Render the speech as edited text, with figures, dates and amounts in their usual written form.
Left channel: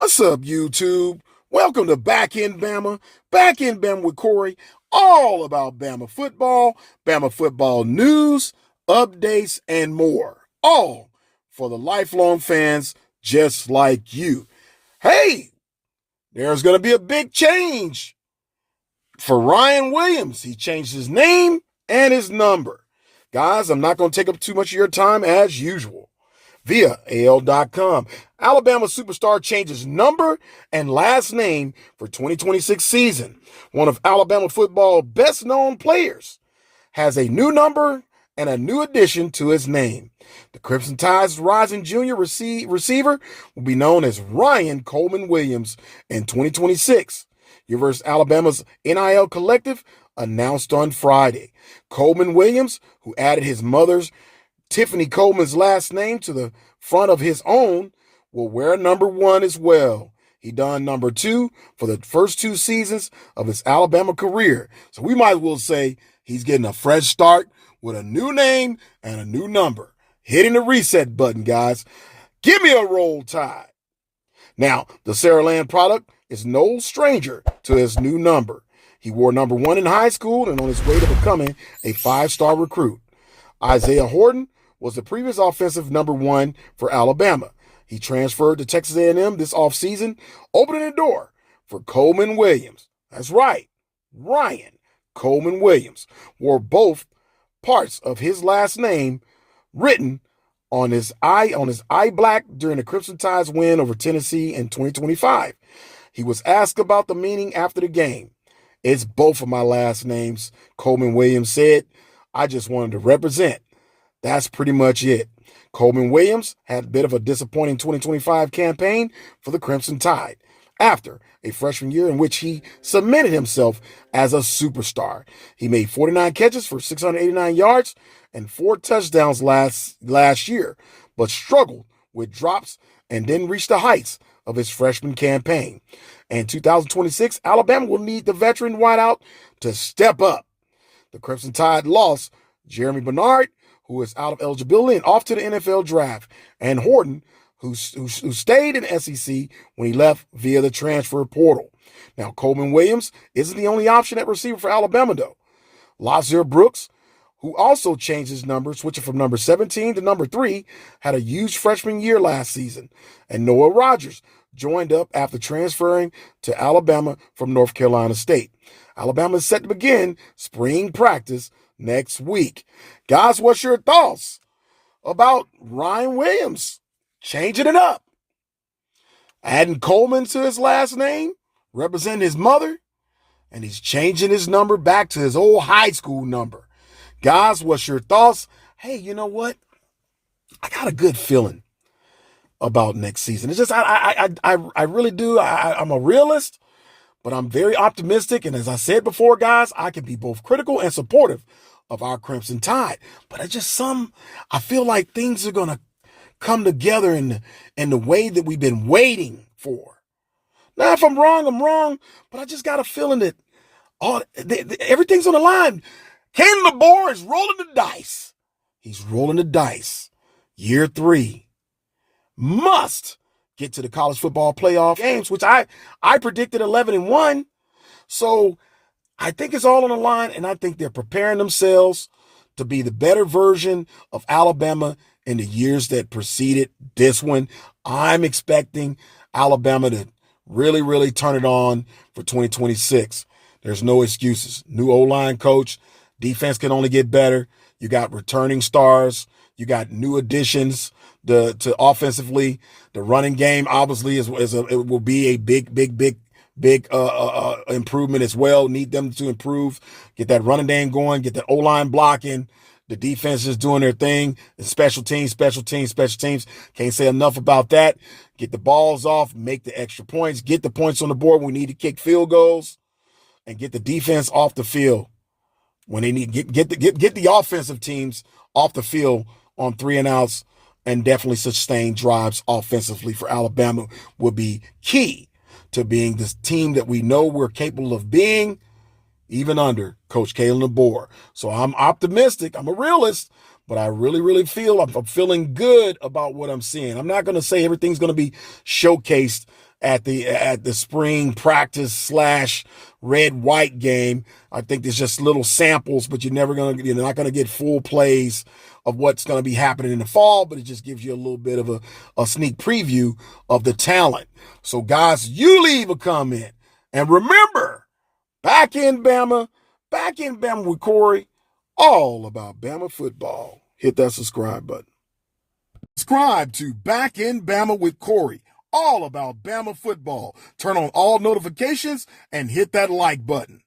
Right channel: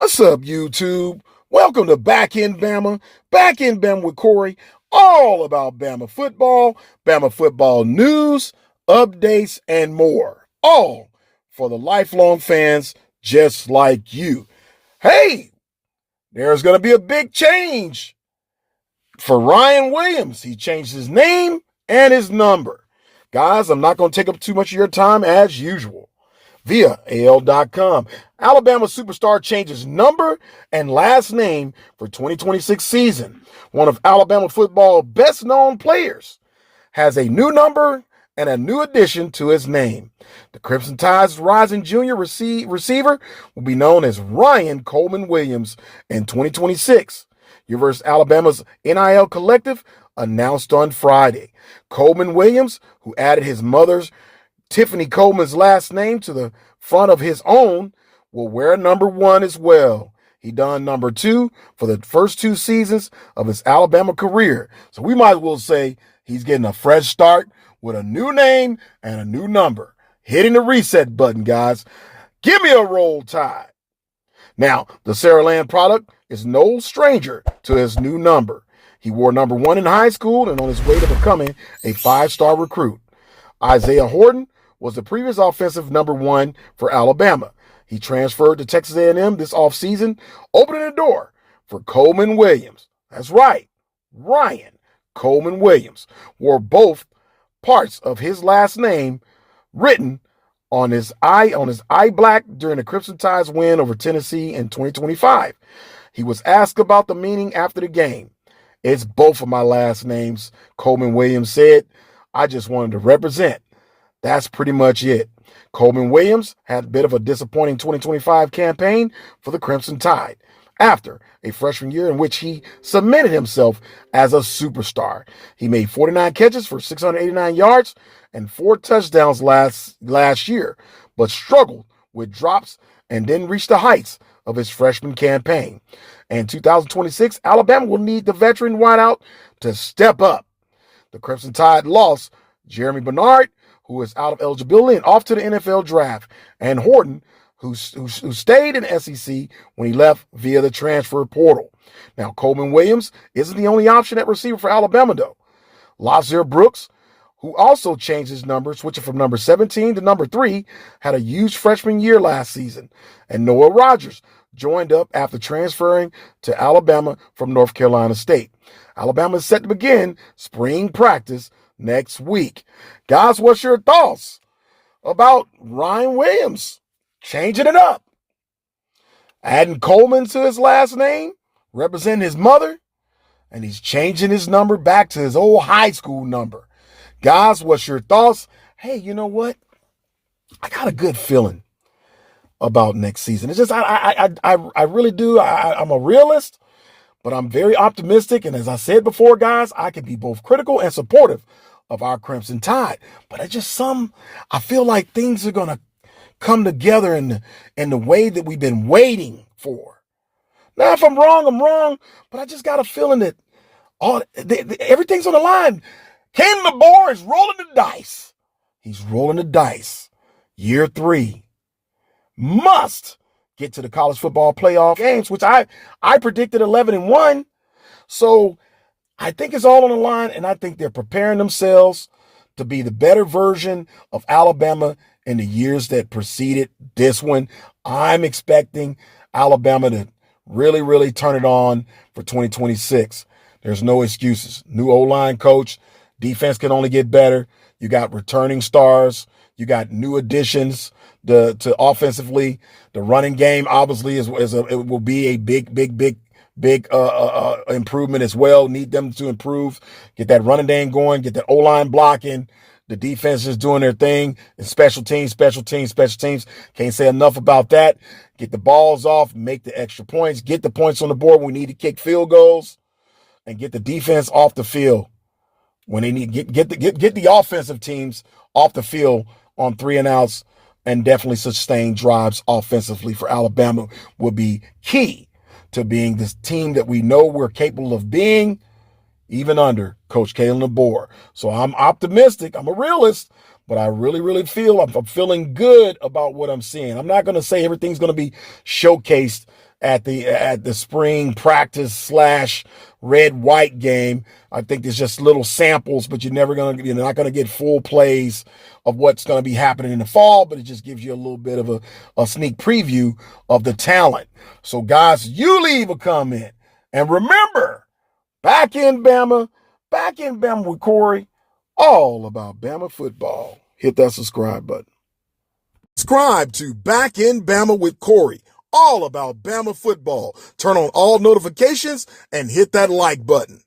What's up, YouTube? Welcome to Back in Bama. Back in Bama with Corey. All about Bama football news, updates, and more. All for the lifelong fans just like you. Hey, there's going to be a big change for Ryan Williams. He changed his name and his number. Guys, I'm not going to take up too much of your time as usual. Via AL.com. Alabama superstar changes number and last name for 2026 season. One of Alabama football's best known players has a new number and a new addition to his name. The Crimson Tide's rising junior receiver will be known as Ryan Coleman Williams in 2026. University of Alabama's NIL collective announced on Friday. Coleman Williams, who added his mother's Tiffany Coleman's last name to the front of his own, will wear number 1 as well. He done number 2 for the first 2 seasons of his Alabama career. So we might as well say he's getting a fresh start with a new name and a new number. Hitting the reset button, guys. Give me a Roll Tide. Now, the Saraland product is no stranger to his new number. He wore number 1 in high school and on his way to becoming a 5-star recruit. Isaiah Horton was the previous offensive number 1 for Alabama. He transferred to Texas A&M this offseason, opening the door for Coleman Williams. That's right, Ryan Coleman Williams wore both parts of his last name written on his eye black during the Crimson Tide's win over Tennessee in 2025. He was asked about the meaning after the game. "It's both of my last names," Coleman Williams said. "I just wanted to represent. That's pretty much it." Coleman Williams had a bit of a disappointing 2025 campaign for the Crimson Tide after a freshman year in which he cemented himself as a superstar. He made 49 catches for 689 yards and 4 touchdowns last year, but struggled with drops and didn't reach the heights of his freshman campaign. In 2026, Alabama will need the veteran wideout to step up. The Crimson Tide lost Jeremy Bernard, who is out of eligibility and off to the NFL draft, and Horton, who stayed in SEC when he left via the transfer portal. Now, Coleman Williams isn't the only option at receiver for Alabama, though. Lazir Brooks, who also changed his number, switching from number 17 to number 3, had a huge freshman year last season. And Noah Rogers joined up after transferring to Alabama from North Carolina State. Alabama is set to begin spring practice next week. Guys, what's your thoughts about Ryan Williams changing it up? Adding Coleman to his last name, representing his mother, and he's changing his number back to his old high school number. Guys, what's your thoughts? Hey, you know what? I got a good feeling about next season. It's just I really do. I'm a realist, but I'm very optimistic. And as I said before, guys, I can be both critical and supportive of our Crimson Tide. But I feel like things are going to come together in the way that we've been waiting for. Now, if I'm wrong, I'm wrong. But I just got a feeling that everything's on the line. Ken LeBoer is rolling the dice. He's rolling the dice. Year 3. Must get to the college football playoff games, which I predicted 11-1. So I think it's all on the line, and I think they're preparing themselves to be the better version of Alabama in the years that preceded this one. I'm expecting Alabama to really, really turn it on for 2026. There's no excuses. New O-line coach. Defense can only get better. You got returning stars. You got new additions to offensively. The running game obviously it will be a big improvement as well. Need them to improve. Get that running game going. Get the O-line blocking. The defense is doing their thing. And special teams. Can't say enough about that. Get the balls off. Make the extra points. Get the points on the board. We need to kick field goals and get the defense off the field. When they need get the offensive teams off the field on 3 and outs, and definitely sustain drives offensively for Alabama will be key to being this team that we know we're capable of being, even under Coach Kalen DeBoer. So I'm optimistic. I'm a realist, but I really, really feel I'm feeling good about what I'm seeing. I'm not going to say everything's going to be showcased at the spring practice slash red white game. I think it's just little samples, but you're not gonna get full plays of what's gonna be happening in the fall, but it just gives you a little bit of a sneak preview of the talent. So guys, you leave a comment. And remember, back in Bama with Corey, all about Bama football. Hit that subscribe button. Subscribe to Back in Bama with Corey, all about Bama football. Turn on all notifications and hit that like button.